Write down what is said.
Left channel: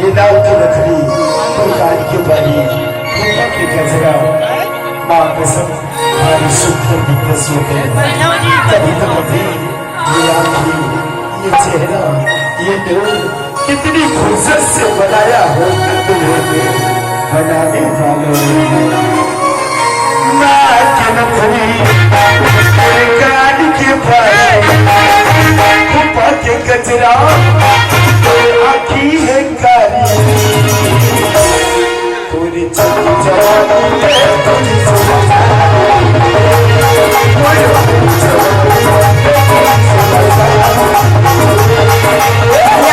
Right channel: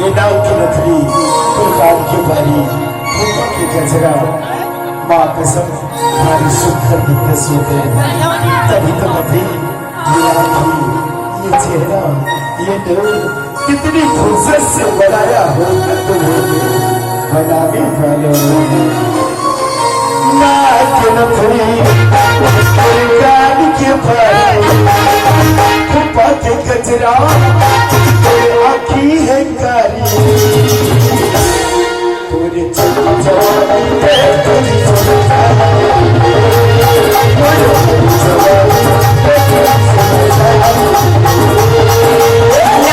ये दाव की लकड़ी प्रकार की बारी फूलों के गजरा माँ कसम हमारी सुंदर तस्वीरें कभी तो कभी ये आँखें ये चेहरा ये दिल कितनी फुर्सत से बनाया हो तुम्हें बनाने वालों ने ना के नखरी प्रकार की बारी फूलों के गजरा आखी है कारी पूरी चली जवानी है पूरी जवानी है